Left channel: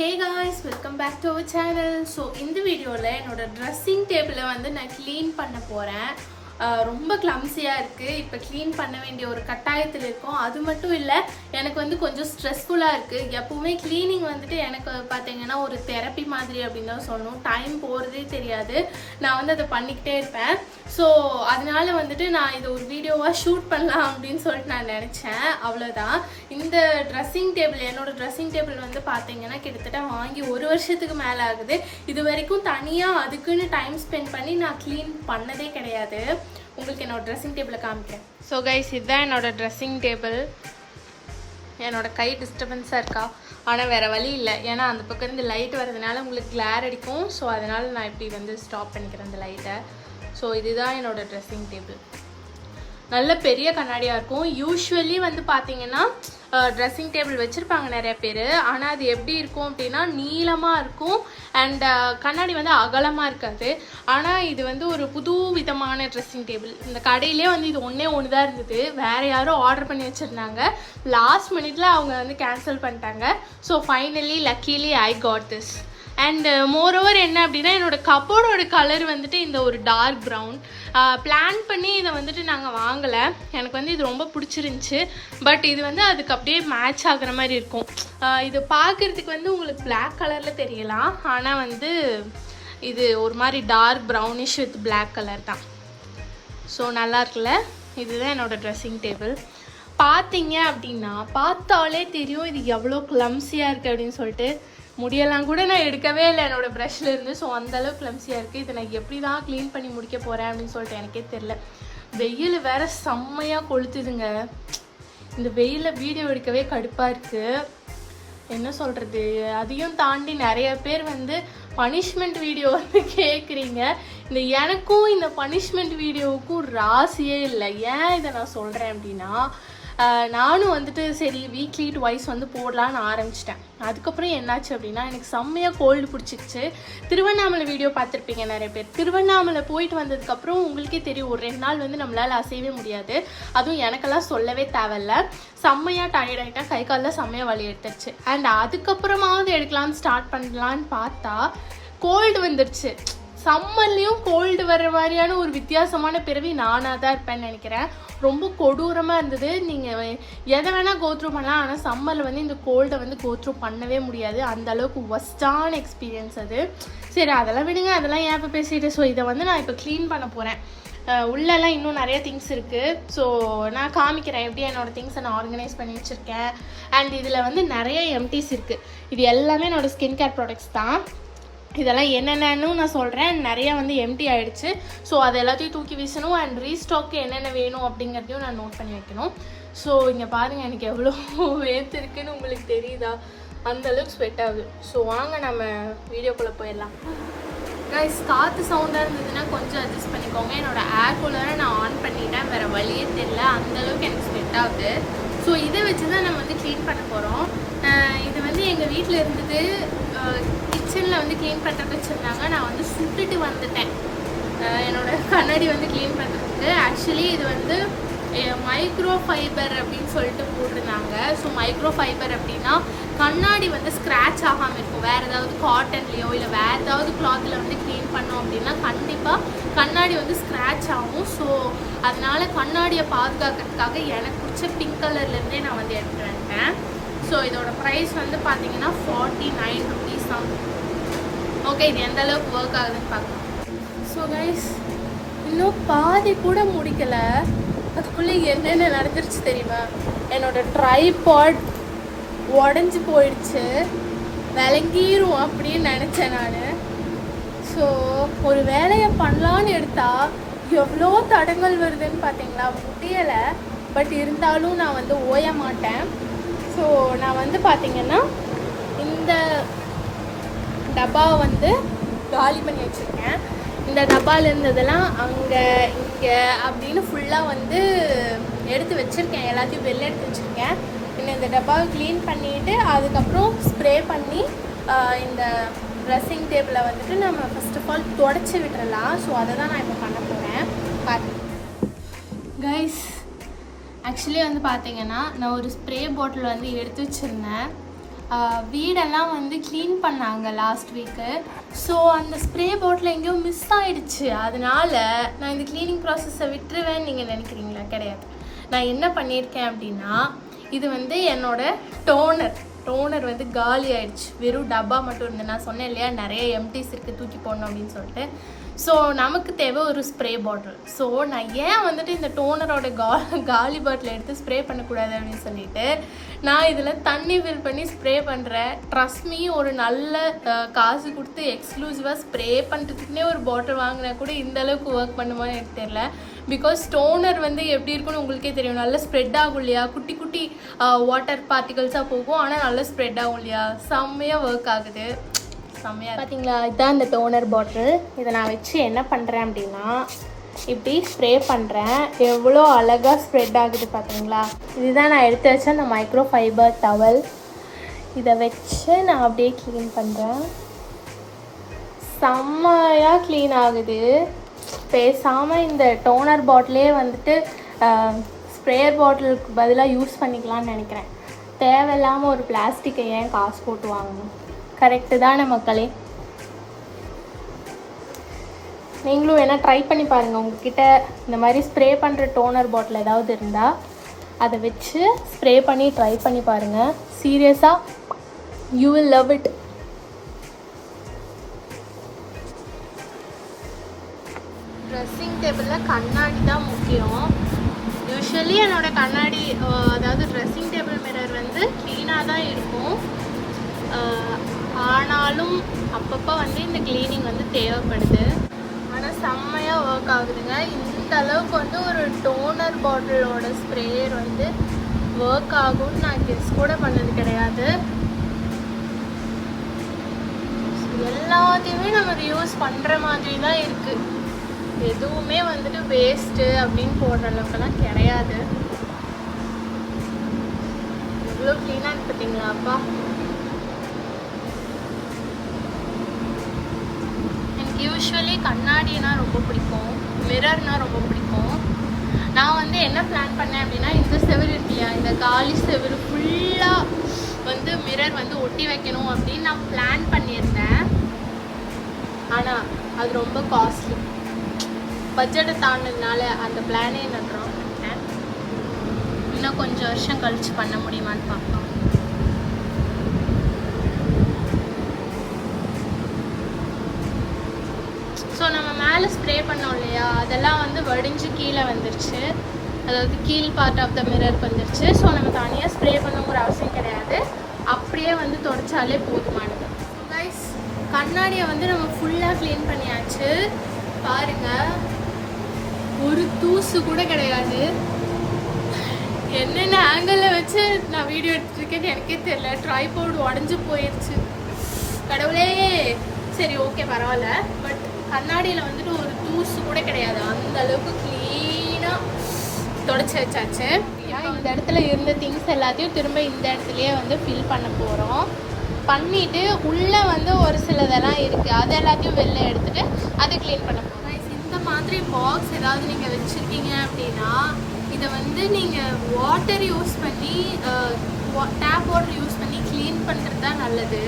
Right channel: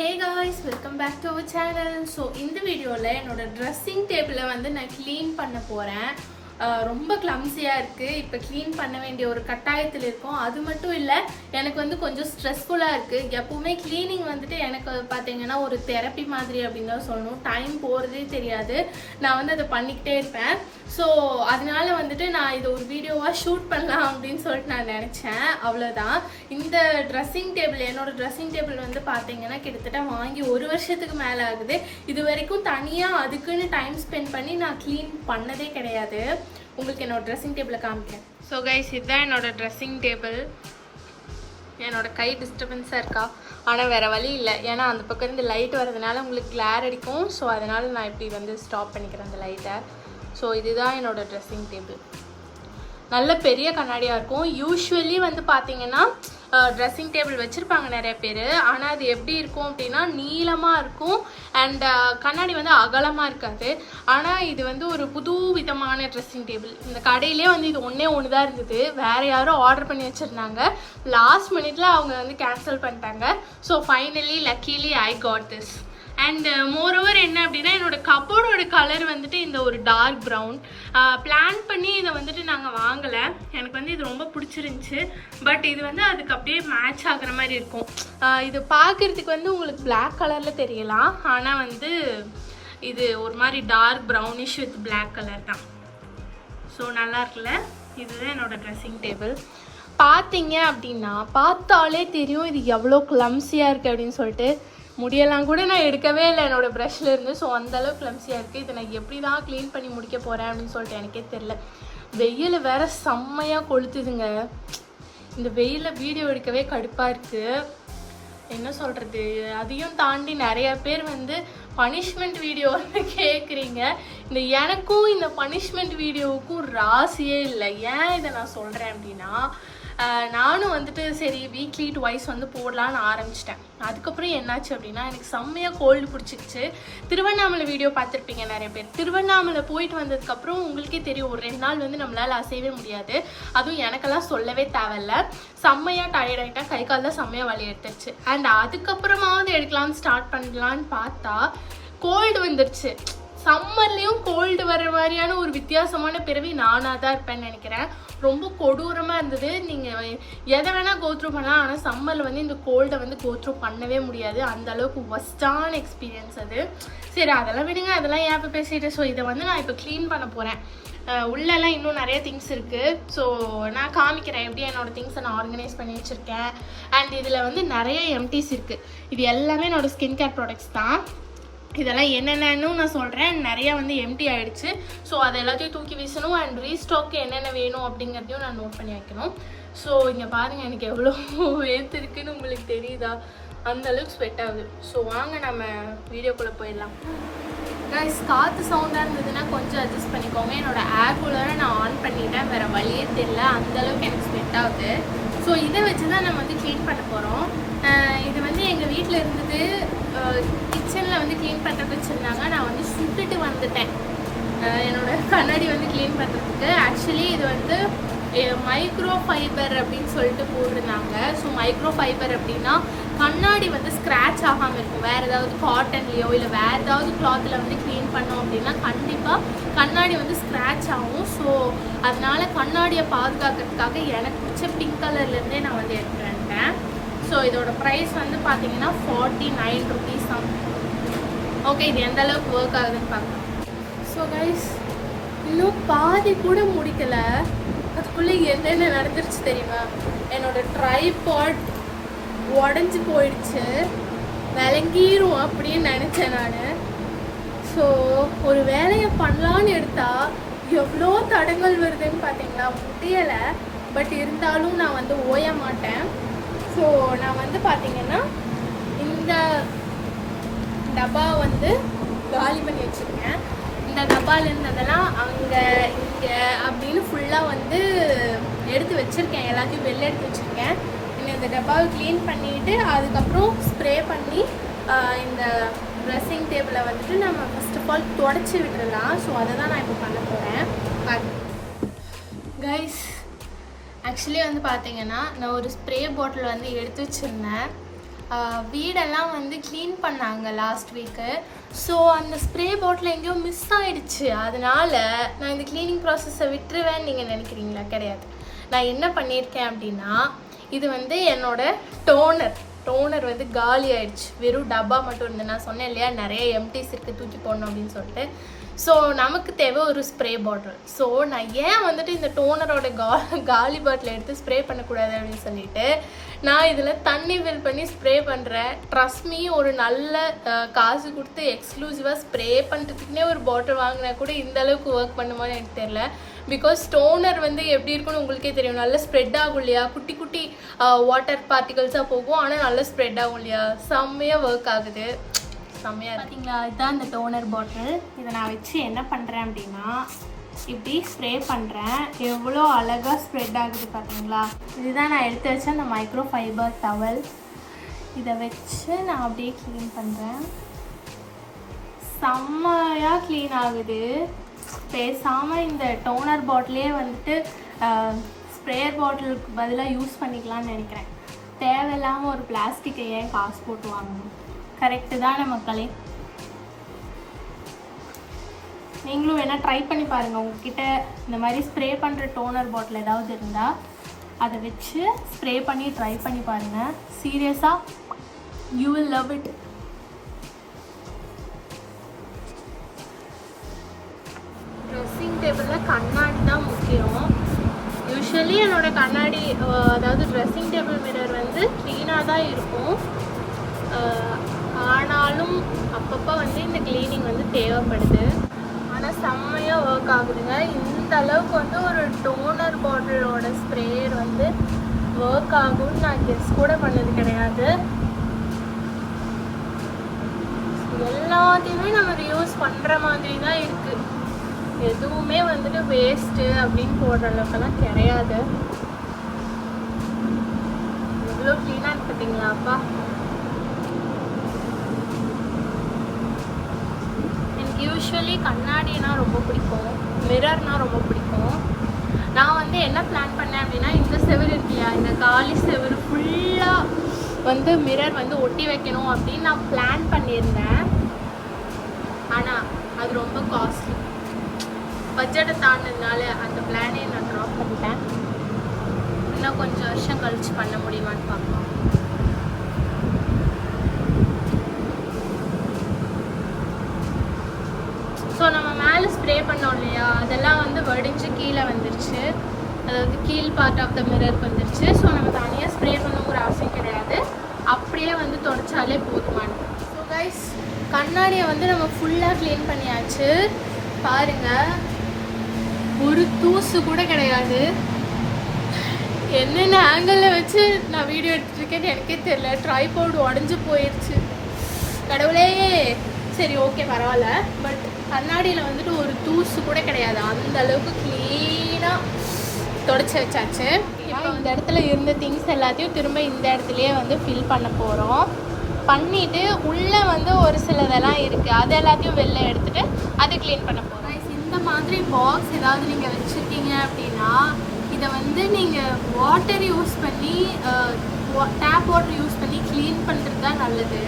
Hey guys, welcome back to our channel. So இந்த வீடியோல என்னோட ட்ரெஸ்ஸிங் டேபிளை வந்து நான் க்ளீன் பண்ண போறேன். ரொம்ப கிளம்ஸியா இருக்கு. இப்போ க்ளீன் பண்ண வேண்டிய ஒரு கட்டாயத்தில் இருக்கும். அது மட்டும் இல்லை, எனக்கு வந்து கொஞ்சம் ஸ்ட்ரெஸ்ஃபுல்லாக இருக்குது. எப்பவுமே க்ளீனிங் வந்துட்டு எனக்கு பார்த்தீங்கன்னா ஒரு தெரப்பி மாதிரி அப்படின்னு தான் சொல்லணும். டைம் போகிறதே தெரியாது. நான் வந்து அதை பண்ணிக்கிட்டே இருப்பேன். ஸோ அதனால வந்துட்டு நான் இதை ஒரு வீடியோவாக ஷூட் பண்ணலாம் அப்படின்னு சொல்லிட்டு நான் நினச்சேன். அவ்வளோதான். இந்த ட்ரெஸ்ஸிங் டேபிள், என்னோட ட்ரெஸ்ஸிங் டேபிள் வந்து பார்த்தீங்கன்னா கிட்டத்தட்ட வாங்கி 1 வருஷத்துக்கு மேலே ஆகுது. இது வரைக்கும் தனியாக அதுக்குன்னு டைம் ஸ்பெண்ட் பண்ணி நான் க்ளீன் பண்ணதே கிடையாது. உங்களுக்கு என்னோட ட்ரெஸ்ஸிங் டேபிளை காமிக்கிறேன். ஸோ கைஸ், இதுதான் என்னோட ட்ரெஸ்ஸிங் டேபிள். என்னோட கை டிஸ்டர்பன்ஸாக இருக்கா? ஆனால் வேறு வழி இல்லை. ஏன்னா அந்த பக்கம் இருந்து லைட் வரதுனால உங்களுக்கு கிளார் அடிக்கும். ஸோ அதனால் நான் இப்படி வந்து ஸ்டாப் பண்ணிக்கிறேன் அந்த லைட்டை. ஸோ இதுதான் என்னோட ட்ரெஸ்ஸிங் டேபிள். நல்ல பெரிய கண்ணாடியாக இருக்கும். யூஸ்வலி வந்து பார்த்தீங்கன்னா ட்ரெஸ்ஸிங் டேபிள் வச்சுருப்பாங்க நிறைய பேர். ஆனால் அது எப்படி இருக்கும் அப்படின்னா நீளமாக இருக்கும் அண்ட் கண்ணாடி வந்து அகலமாக இருக்காது. ஆனால் இது வந்து ஒரு புது விதமான ட்ரெஸ்ஸிங் டேபிள். இந்த கடையிலே வந்து இது ஒன்று தான் இருந்தது. வேறு யாரும் ஆர்டர் பண்ணி வச்சுருந்தாங்க. லாஸ்ட் மினிட்ல அவங்க வந்து கேன்சல் பண்ணிட்டாங்க. So finally luckily I got this. And moreover என்ன அப்படின்னா, என்னோட கப்போர்டோட கலர் வந்துட்டு இந்த ஒரு டார்க் ப்ரௌன். பிளான் பண்ணி இதை வந்துட்டு நாங்கள் வாங்கலை. எனக்கு வந்து இது ரொம்ப பிடிச்சிருந்துச்சி. பட் இது வந்து அதுக்கு அப்படியே மேட்ச் ஆகுற மாதிரி இருக்கும். இது பார்க்குறதுக்கு வந்து உங்களுக்கு பிளாக் கலரில் தெரியலாம். ஆனால் வந்து இது ஒரு மாதிரி dark brownish with black colour தான். ஸோ நல்லா இருக்குல்ல? இதுதான் என்னோட ட்ரெஸ்ஸிங் டேபிள். பார்த்தீங்க அப்படின்னா பார்த்தாலே தெரியும் இது எவ்வளோ கிளம்ஸியாக இருக்குது அப்படின்னு சொல்லிட்டு. முடியெல்லாம் கூட நான் எடுக்கவே இல்லை என்னோட ப்ரஷ்ல இருந்து. ஸோ அந்தளவுக்கு கிளம்ஸியாக இருக்குது. இதை நான் எப்படி தான் க்ளீன் பண்ணி முடிக்க போகிறேன் அப்படின்னு சொல்லிட்டு எனக்கே தெரில. வெயில் வேற செம்மையாக கொளுத்துதுங்க. இந்த வெயிலில் வீடியோ எடுக்கவே கடுப்பாக இருக்குது. என்ன சொல்கிறது? அதையும் தாண்டி நிறைய பேர் வந்து பனிஷ்மெண்ட் வீடியோ வந்து கேட்குறீங்க. இந்த எனக்கும் இந்த பனிஷ்மெண்ட் வீடியோவுக்கும் ராசியே இல்லை. ஏன் இதை நான் சொல்கிறேன் அப்படின்னா, நானும் வந்துட்டு சரி வீக்லி ட்வைஸ் வந்து போடலான்னு ஆரம்பிச்சிட்டேன். அதுக்கப்புறம் என்னாச்சு அப்படின்னா, எனக்கு செம்மையாக கோல்டு பிடிச்சிக்கிச்சு. திருவண்ணாமலை வீடியோ பார்த்துருப்பீங்க நிறைய பேர். திருவண்ணாமலை போயிட்டு வந்ததுக்கப்புறம் உங்களுக்கே தெரியும், ஒரு 2 நாள் வந்து நம்மளால் அசையவே முடியாது. அதுவும் எனக்கெல்லாம் சொல்லவே தேவையில்ல. செம்மையாக டயர்ட் ஆகிட்டேன். கை காலில் செம்மையாக வலி எடுத்துருச்சு. அண்ட் அதுக்கப்புறமாவது எடுக்கலான்னு ஸ்டார்ட் பண்ணலான்னு பார்த்தா கோல்டு வந்துருச்சு. சம்மர்லேயும் கோல்டு வர்ற மாதிரியான ஒரு வித்தியாசமான பிறவி நானாக தான் இருப்பேன்னு நினைக்கிறேன். ரொம்ப கொடூரமாக இருந்தது. நீங்கள் எதை வேணால் கோத்ரூ பண்ணலாம். ஆனால் சம்மரில் வந்து இந்த கோல்டை வந்து கோத்ரூ பண்ணவே முடியாது. அந்த அளவுக்கு ஒஸ்டான எக்ஸ்பீரியன்ஸ் அது. சரி, அதெல்லாம் விடுங்க. அதெல்லாம் ஏன் இப்போ பேசிட்டு. ஸோ இதை வந்து நான் இப்போ க்ளீன் பண்ண போகிறேன். உள்ளெல்லாம் இன்னும் நிறைய திங்ஸ் இருக்குது. ஸோ நான் காமிக்கிறேன் எப்படி என்னோடய திங்ஸை நான் ஆர்கனைஸ் பண்ணி வச்சுருக்கேன். அண்ட் இதில் வந்து நிறைய எம்டிஸ் இருக்குது. இது எல்லாமே என்னோடய ஸ்கின் கேர் ப்ராடக்ட்ஸ் தான். இதெல்லாம் என்னென்னு நான் சொல்கிறேன். நிறையா வந்து எம்டி ஆகிடுச்சு. ஸோ அது எல்லாத்தையும் தூக்கி வீசணும். அண்ட் ரீஸ்டாக்கு என்னென்ன வேணும் அப்படிங்கிறதையும் நான் நோட் பண்ணி வைக்கணும். ஸோ இங்கே பாருங்கள், எனக்கு எவ்வளோ வேர்த்து இருக்குன்னு உங்களுக்கு தெரியுதா? அந்தளவுக்கு ஸ்வெட் ஆகுது. ஸோ வாங்க நம்ம வீடியோக்குள்ளே போயிடலாம். கைஸ், காற்று சவுண்டாக இருந்ததுன்னா கொஞ்சம் அட்ஜஸ்ட் பண்ணிக்கோங்க. என்னோடய ஏர் கூலரை நான் ஆன் பண்ணிட்டேன். வேறு வழியே தெரியல, அந்தளவுக்கு எனக்கு ஸ்வெட் ஆகுது. ஸோ இதை வச்சு தான் நம்ம வந்து க்ளீன் பண்ண போகிறோம். இது வந்து எங்கள் வீட்டில் இருந்தது. கிச்சனில் வந்து க்ளீன் பண்ணுறதுக்கு வச்சுருந்தாங்க. நான் வந்து சுட்டுட்டு வந்துட்டேன் என்னோடய கண்ணாடி வந்து க்ளீன் பண்ணுறதுக்கு. ஆக்சுவலி இது வந்து மைக்ரோ ஃபைபர் அப்படின்னு சொல்லிட்டு போட்டிருந்தாங்க. ஸோ மைக்ரோ ஃபைபர் அப்படின்னா கண்ணாடி வந்து ஸ்க்ராட்ச் ஆகாமல் இருக்கும். வேறு ஏதாவது காட்டன்லேயோ இல்லை வேறு ஏதாவது கிளாத்தில் வந்து க்ளீன் பண்ணோம் அப்படின்னா கண்டிப்பாக கண்ணாடி வந்து ஸ்க்ராட்ச் ஆகும். ஸோ அதனால் கண்ணாடியை பாதுகாக்கிறதுக்காக எனக்கு பிடிச்ச பிங்க் கலர்லேருந்தே நான் வந்து எடுத்துகிட்டு வந்துட்டேன். ஸோ இதோட ப்ரைஸ் வந்து பார்த்தீங்கன்னா 49 ருபீஸ் தான். ஓகே, இது எந்த அளவுக்கு ஒர்க் ஆகுதுன்னு பார்க்கலாம். ஸோ கைஸ், இன்னும் பாதி கூட முடிக்கலை. அதுக்குள்ளே என்னென்ன நடந்துருச்சு தெரியுமா? என்னோடய ட்ரைபாட் உடஞ்சி போயிடுச்சு. விளங்கிரும் அப்படின்னு நினச்சேன் நான். ஸோ ஒரு வேலையை பண்ணலான்னு எடுத்தால் எவ்வளோ தடங்கள் வருதுன்னு பார்த்தீங்களா? முடியலை. பட் இருந்தாலும் நான் வந்து ஓய மாட்டேன். ஸோ நான் வந்து பார்த்தீங்கன்னா இந்த டப்பாவை வந்து காலி பண்ணி வச்சுருக்கேன். இந்த டப்பாவில் இருந்ததெல்லாம் அங்கே இங்கே அப்படின்னு ஃபுல்லாக வந்து எடுத்து வச்சுருக்கேன். எல்லாத்தையும் வெளில எடுத்து வச்சுருக்கேன். இன்னும் இந்த டப்பாவை க்ளீன் பண்ணிவிட்டு அதுக்கப்புறம் ஸ்ப்ரே பண்ணி இந்த ட்ரெஸ்ஸிங் டேபிளை வந்துட்டு நம்ம ஃபர்ஸ்ட் ஆஃப் ஆல் தொடச்சி விட்டுறலாம். ஸோ அதை தான் நான் இப்போ பண்ண போகிறேன். கைஸ், ஆக்சுவலி வந்து பார்த்தீங்கன்னா நான் ஒரு ஸ்ப்ரே பாட்டில் வந்து எடுத்து வச்சுருந்தேன். வீடெல்லாம் வந்து க்ளீன் பண்ணாங்க லாஸ்ட் வீக்கு. ஸோ அந்த ஸ்ப்ரே பாட்டில் எங்கேயோ மிஸ் ஆகிடுச்சு. அதனால நான் இந்த க்ளீனிங் ப்ராசஸை விட்டுருவேன்னு நீங்கள் நினைக்கிறீங்களா? கிடையாது. நான் என்ன பண்ணியிருக்கேன் அப்படின்னா, இது வந்து என்னோட டோனர் வந்து காலி ஆயிடுச்சு. வெறும் டப்பா மட்டும் இருந்து. நான் சொன்னேன் இல்லையா, நிறைய எம்டிஸ் இருக்குது, தூக்கி போடணும் அப்படின்னு சொல்லிட்டு. ஸோ நமக்கு தேவை ஒரு ஸ்ப்ரே பாட்டில். ஸோ நான் ஏன் வந்துட்டு இந்த டோனரோட காலி பாட்டில் எடுத்து ஸ்ப்ரே பண்ணக்கூடாது அப்படின்னு சொல்லிட்டு நான் இதில் தண்ணி ஃபில் பண்ணி ஸ்ப்ரே பண்ணுறேன். ட்ரஸ்ட் மீ, ஒரு நல்ல காசு கொடுத்து எக்ஸ்க்ளூசிவாக ஸ்ப்ரே பண்ணுறதுக்குன்னே ஒரு பாட்டில் வாங்கினா கூட இந்த அளவுக்கு ஒர்க் பண்ணுமான்னு எனக்கு தெரியல. பிகாஸ் டோனர் வந்து எப்படி இருக்குன்னு உங்களுக்கே தெரியும். நல்லா ஸ்ப்ரெட் ஆகும் இல்லையா, குட்டி குட்டி வாட்டர் பார்ட்டிகல்ஸாக போகும், ஆனால் நல்லா ஸ்ப்ரெட் ஆகும் இல்லையா, செம்மையாக ஒர்க் ஆகுது. செம்மையாக பார்த்தீங்களா? இதுதான் இந்த டோனர் பாட்டில். இதை நான் வச்சு என்ன பண்ணுறேன் அப்படின்னா, இப்படி ஸ்ப்ரே பண்ணுறேன். எவ்வளோ அழகாக ஸ்ப்ரெட் ஆகுது பார்த்தீங்களா? இதுதான் நான் எடுத்து வச்ச அந்த மைக்ரோ ஃபைபர் டவல். இதை வச்சு நான் அப்படியே க்ளீன் பண்ணுறேன். செம்மையாக க்ளீன் ஆகுது. பேசாமல் இந்த டோனர் பாட்டிலே வந்துட்டு ஸ்ப்ரேயர் பாட்டிலுக்கு பதிலாக யூஸ் பண்ணிக்கலாம்னு நினைக்கிறேன். தேவையில்லாமல் ஒரு பிளாஸ்டிக்கை ஏன் காசு போட்டு வாங்கணும்? கரெக்டு தானே மக்களே? நீங்களும் வேணால் ட்ரை பண்ணி பாருங்கள். உங்ககிட்ட இந்த மாதிரி ஸ்ப்ரே பண்ணுற டோனர் பாட்டில் ஏதாவது இருந்தால் அதை வச்சு ஸ்ப்ரே பண்ணி ட்ரை பண்ணி பாருங்கள். சீரியஸாக you will love it. Dressing டேபிளில் கண்ணாடி தான் முக்கியம். யூஸ்வலி என்னோடய கண்ணாடி, அதாவது ட்ரெஸ்ஸிங் டேபிள் மிரர் வந்து க்ளீனாக தான் இருக்கும். ஆனாலும் அப்பப்போ வந்து இந்த க்ளீனிங் வந்து தேவைப்படுது. ஆனால் செம்மையாக ஒர்க் ஆகுதுங்க. இந்த அளவுக்கு வந்து ஒரு டோனர் பாட்டிலோட ஸ்ப்ரேயர் வந்து ஒர்க் ஆகும்னு நான் கெஸ் கூட பண்ணது கிடையாது. எல்லாத்தையுமே நம்ம யூஸ் பண்ணுற மாதிரி தான் இருக்குது. எதுவுமே வந்துட்டு வேஸ்ட்டு அப்படின்னு போடுற அளவுக்குலாம் கிடையாது. எவ்வளோ க்ளீனாக இருக்கு பார்த்தீங்களாப்பா? யூஸ்வலி கண்ணாடினா ரொம்ப பிடிக்கும், மிரர்னா ரொம்ப பிடிக்கும். நான் வந்து என்ன பிளான் பண்ணேன் அப்படின்னா, இந்த செவரு இருக்கியா, இந்த காலி செவரு ஃபுல்லாக வந்து மிரர் வந்து ஒட்டி வைக்கணும் அப்படின்னு நான் பிளான் பண்ணியிருந்தேன். ஆனால் அது ரொம்ப காஸ்ட்லி. பட்ஜெட்டை தாண்டினால அந்த பிளானே நான் ட்ராப் பண்ணிட்டேன். இன்னும் கொஞ்சம் வருஷம் கழிச்சு பண்ண முடியுமான்னு பார்க்கலாம். ஸோ நம்ம மேலே ஸ்ப்ரே பண்ணோம் இல்லையா, அதெல்லாம் வந்து வடிஞ்சு கீழே வந்துருச்சு. அதாவது கீழ் பார்ட் ஆஃப் த மிரர் வந்துருச்சு. ஸோ நம்ம தனியாக ஸ்ப்ரே பண்ணணுங்கிற அவசியம் கிடையாது. அப்படியே வந்து தொடச்சாலே போதுமானது. ஸோ கைஸ், கண்ணாடியை வந்து நம்ம ஃபுல்லாக க்ளீன் பண்ணியாச்சு. பாருங்கள், ஒரு தூசு கூட கிடையாது. என்னென்ன ஆங்கிளில் வச்சு நான் வீடியோ எடுத்துருக்கேன்னு எனக்கே தெரியல. ட்ரைபாட் உடஞ்சி போயிடுச்சு. கடவுளே. சரி, ஓகே, பரவாயில்ல. பட் கண்ணாடியில் வந்துட்டு ஒரு தூசு கூட கிடையாது. அந்த அளவுக்கு க்ளீனாக தொடச்சி வச்சாச்சு. இப்போ இந்த இடத்துல இருந்த திங்ஸ் எல்லாத்தையும் திரும்ப இந்த இடத்துலையே வந்து ஃபில் பண்ண போகிறோம். பண்ணிவிட்டு உள்ளே வந்து ஒரு சிலதெல்லாம் இருக்குது, அது எல்லாத்தையும் வெளில எடுத்துகிட்டு அதை க்ளீன் பண்ண போகிறோம். இந்த மாதிரி பாக்ஸ் ஏதாவது நீங்கள் வச்சுருக்கீங்க அப்படின்னா, இதை வந்து நீங்கள் வாட்டர் யூஸ் பண்ணி, டேப் வாட்டர் யூஸ் பண்ணி க்ளீன் பண்ணுறது தான் நல்லது.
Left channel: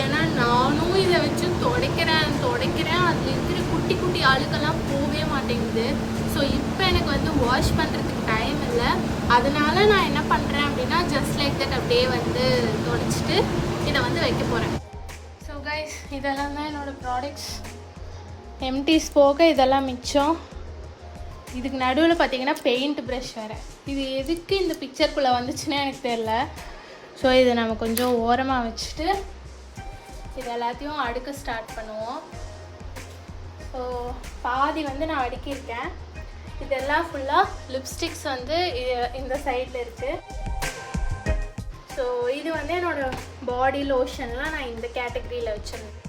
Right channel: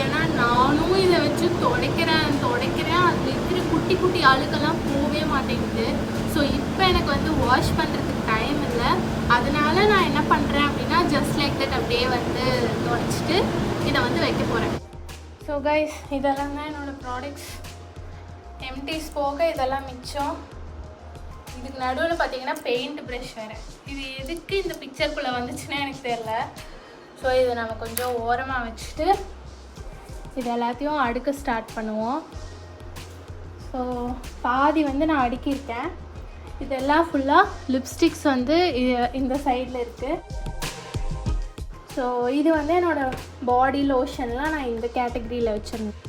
ஏன்னா நானும் இதை வச்சு துடைக்கிறேன், அதில் இருக்கிற குட்டி குட்டி அழுக்கெல்லாம் போகவே மாட்டேங்குது. ஸோ இப்போ எனக்கு வந்து வாஷ் பண்ணுறதுக்கு டைம் இல்லை. அதனால நான் என்ன பண்ணுறேன் அப்படின்னா, ஜஸ்ட் லைக் தட் அப்படியே வந்து துடைச்சிட்டு இதை வந்து வைக்க போகிறேன். ஸோ கைஸ், இதெல்லாம் தான் என்னோடய ப்ராடக்ட்ஸ். எம்டிஸ் போக இதெல்லாம் மிச்சம். இதுக்கு நடுவில் பார்த்தீங்கன்னா பெயிண்ட் ப்ரஷ் வேறு. இது எதுக்கு இந்த பிக்சருக்குள்ளே வந்துச்சுன்னா எனக்கு தெரியல. ஸோ இதை நம்ம கொஞ்சம் ஓரமாக வச்சுட்டு இது எல்லாத்தையும் அடுக்க ஸ்டார்ட் பண்ணுவோம். ஸோ பாதி வந்து நான் அடுக்கியிருக்கேன். இதெல்லாம் ஃபுல்லாக லிப்ஸ்டிக்ஸ் வந்து இந்த சைடில் இருக்குது. ஸோ இது வந்து என்னோடய பாடி லோஷன்லாம் நான் இந்த கேட்டகரியில் வச்சுருந்தேன்.